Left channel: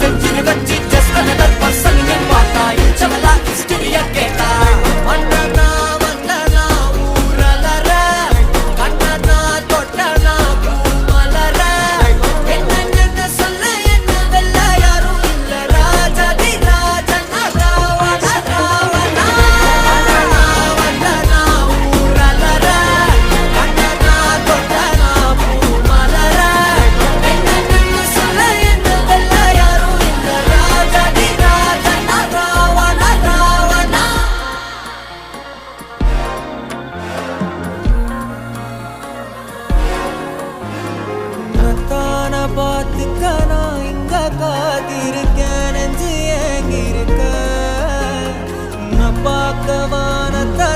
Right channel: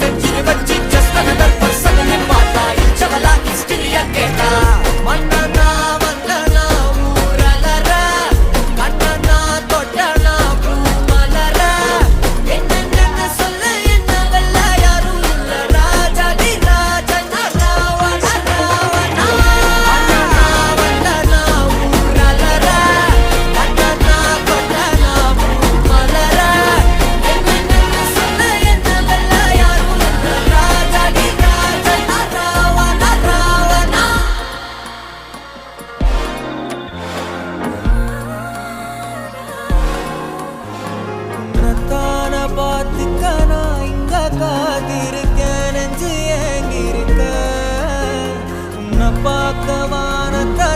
செஞ்சுட்டு வச்சு just another person ன்னு பார்த்தா இச்சவளா ஹிஸ்டரிய கேட்டா மன்னனா வந்தனா ஊரலற கண்ணனா தொட்டனா பூமலர என்ன சொல்ல என்ன வெல்ல யாரும் இல்ல ராஜாதி ராஜனா ராவண ராவணா மன்னனா வந்தனா ஊரலற கண்ணனா தொட்டனா பூமலர என்ன சொல்ல என்ன வெல்ல யாரும் இல்ல ராஜாதி ராஜனா ராவண ராவணா உன்னத்தான பார்த்துக்க நான் இங்க காத்திருக்கேன் நெஞ்சு ஏங்கிருக்க உன்னை பார்க்க வானத்தை